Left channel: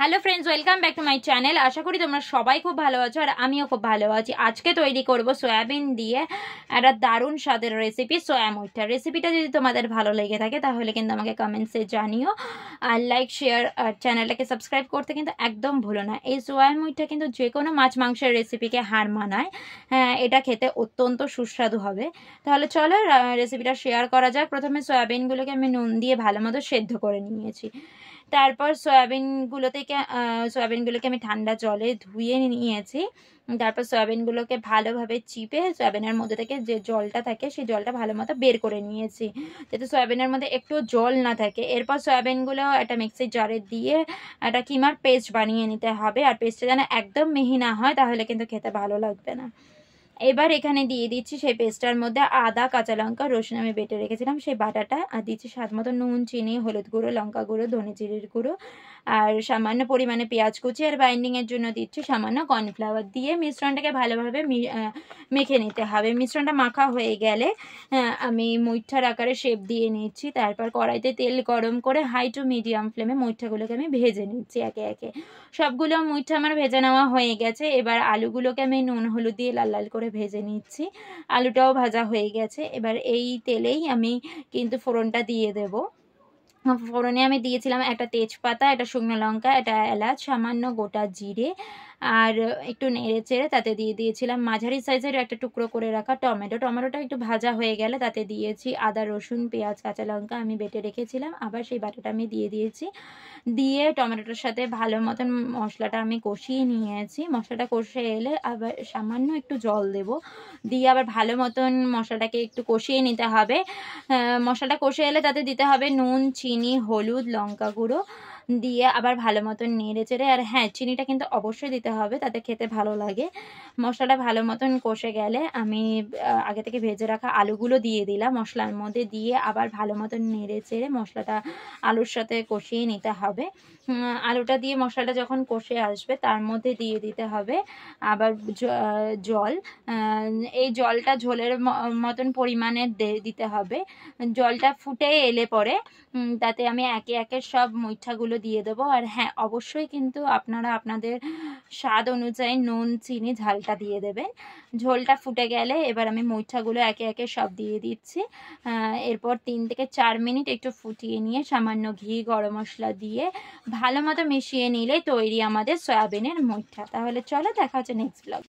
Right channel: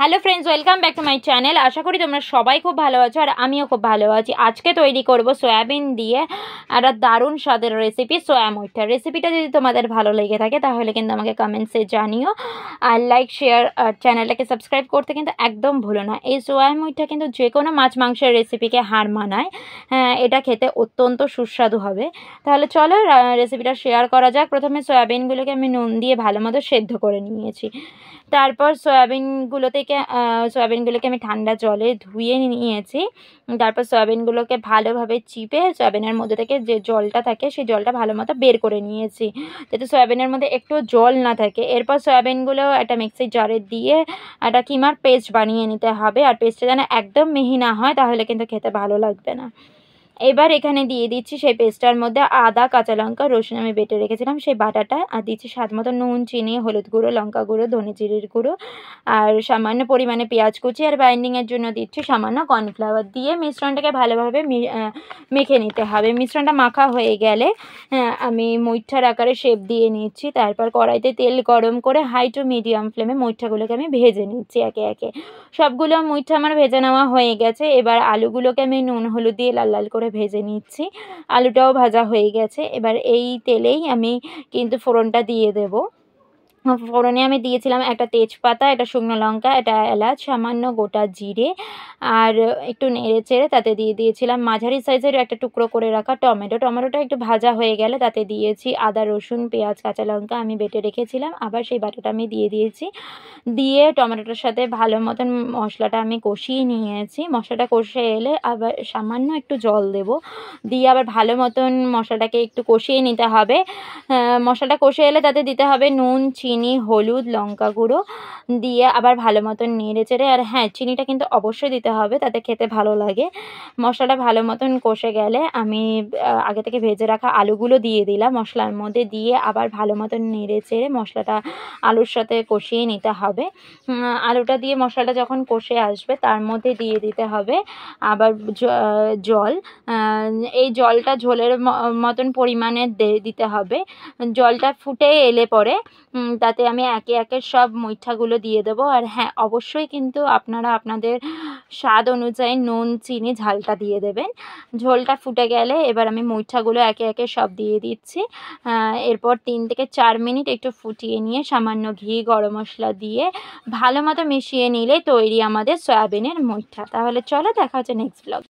Hello friends, welcome back to my channel. আশা করি তোমরা সবাই খুব ভালো আছো আর আমিও খুব ভালো আছি। আজকে তৈরি করব সয়াবিন দিয়ে একটা দারুণ স্বাদের রেসিপি সয়া মুইঠা। রেসিপিটা যদি তোমাদের ভালো লেগে থাকে তাহলে কিন্তু আমাকে কমেন্টসে জানিও, আর লাইক শেয়ার আর চ্যানেলটাকে সাবস্ক্রাইব করতে কিন্তু একদম ভুলো না। এই সয়া মুইঠা কিন্তু যে কোনো মাছ মাংসের রেসিপিকে হার মানায়। হ্যাঁ, এটা খেতে অত্যন্ত সুস্বাদু হবে। তাহলে চলো রেসিপিটা শেয়ার করা যাক। প্রথমে সয়াবিনগুলোকে আমি নুন দিয়ে ভালো মতো সেদ্ধ করে নিয়েছি। তারপর সয়াবিনগুলোকে আমি ঠান্ডা জলে ধুয়ে নিয়েছি। তারপর সয়াবিনগুলোকে ভালোভাবে চিপে সয়াবিনের মধ্যে থেকে যে জলটা থাকে সেই জলটা ভালো মতো বের করে নিয়েছি, যাতে সয়াবিনের মধ্যে একটু জল না থাকে। এরপর সয়াবিনগুলো একটা মিক্সির জারে দিয়ে একটা কিমার পেস্ট বানিয়ে নিতে হবে, আর পেস্টটা যেন একদম মিহি না হয়, তাহলে কিন্তু খেতে ভালো লাগবে না। এবার এখানে দিয়ে দিচ্ছি সেই পেস্টটার মধ্যে আদা, কাঁচা লঙ্কা, রসুন আমি বেটে রেখেছিলাম সেই বাটাটা, আর দিচ্ছি স্বাদ মতো নুন, চিনি, হলুদ গুঁড়ো, লঙ্কা গুঁড়ো, ধনে জিরের গুঁড়ো, আর সামান্য পরিমাণে পেঁয়াজ কুচি, আর বাইন্ডিংয়ের জন্য দিচ্ছি সামান্য কর্নফ্লাওয়ার। দিয়ে মিশ্রণটাকে ভালোভাবে মেখে নিতে হবে। মিশ্রণটা মাখা হয়ে গেলে আমি মুইঠার আকারে শেপ দিয়ে নিচ্ছি। তারপর কড়াইতে তেল গরম করে হাই টু মিডিয়াম ফ্লেমে মুইঠাগুলোকে আমি ভেজে নিচ্ছি একে একে। সবগুলো মুইঠা আমার ভেজে নেওয়া হয়ে গেছে। এবার আলুগুলোকে আমি নুন হলুদ দিয়ে লাল লাল করে ভেজে নিচ্ছি। আলুটাও ভাজা হয়ে গেছে। এবার এই তেলেই আমি কিন্তু ফোড়নটা দিয়ে দেবো। ফোড়নে আমি দিয়েছিলাম একটা তেজপাতা, একটা শুকনো লঙ্কা, একটা এলাচ, সামান্য গোটা জিরে, আর একটু নেড়ে চেড়ে তাতে দিয়ে দিয়েছিলাম মাঝারি সাইজের একটা টুকরো করে রাখা টমেটোটা একটু ভাজা হয়ে গেলে তাতে দিয়েছি আদা, রসুন, পেঁয়াজ, কাঁচা লঙ্কা আমি বেটে রেখেছিলাম, আবার সেই বাটাটা আমি দিয়ে দিয়েছি। দিয়ে টমেটোটার সাথে ভালো মতন মশলাটা আমি কষিয়ে নিয়েছি। মশলাটা কষে এলে আবার সামান্য একটু জল দেব, দিয়ে আবার ভালো মতন মশলাটাকে একটু কষিয়ে নিতে হবে। মশলাটা কষে এলে তাতে দিতে হবে নুন, চিনি, হলুদ, লঙ্কা গুঁড়ো, দিয়ে আবার ভালো মতন নেড়ে চেড়ে, আর হ্যাঁ, চিনিটা কিন্তু অবশ্যই দিতে হবে, তাতে খেতে ভালো লাগে। মশলাটা ভালো মতন কষে গেলে আমি আগে থেকে ভেজে রাখা আলুগুলো দিয়ে দিলাম মশলার মধ্যে, দিয়ে আবার ভালো মতন নেড়ে চেড়ে মশলাটা আলুর সাথে কষিয়ে নিতে হবে। আলুটা দিয়ে মশলাটা যখন কষে আসবে তার মধ্যে দিয়ে দিতে হবে আবার জল। এই জলটা ঝোলের মতন পরিমাণে দিতে হবে। জলটা ফুটে এলে পরে তাতে আমি একে একে সব মুইঠাগুলো দিয়ে দেবো। আর হ্যাঁ, অবশ্যই কিন্তু আপনারা আপনাদের স্বাদ অনুযায়ী নুন, চিনি, ঝালটা দিয়ে দেবেন। ঝোলটা ফুটে গেলে এবার আমি মুইঠাগুলো একে একে সব দিয়ে দিচ্ছি। এরপর 3 থেকে 4 মিনিট একটু ফুটিয়ে নিয়ে সামান্য ঘি, গরম মশলা দিয়ে ভালো মতো মিশিয়ে নিলে তৈরি আমাদের সয়াবিনের মুইঠা। তাহলে চলো, দেখা হচ্ছে নেক্সট ব্লগ।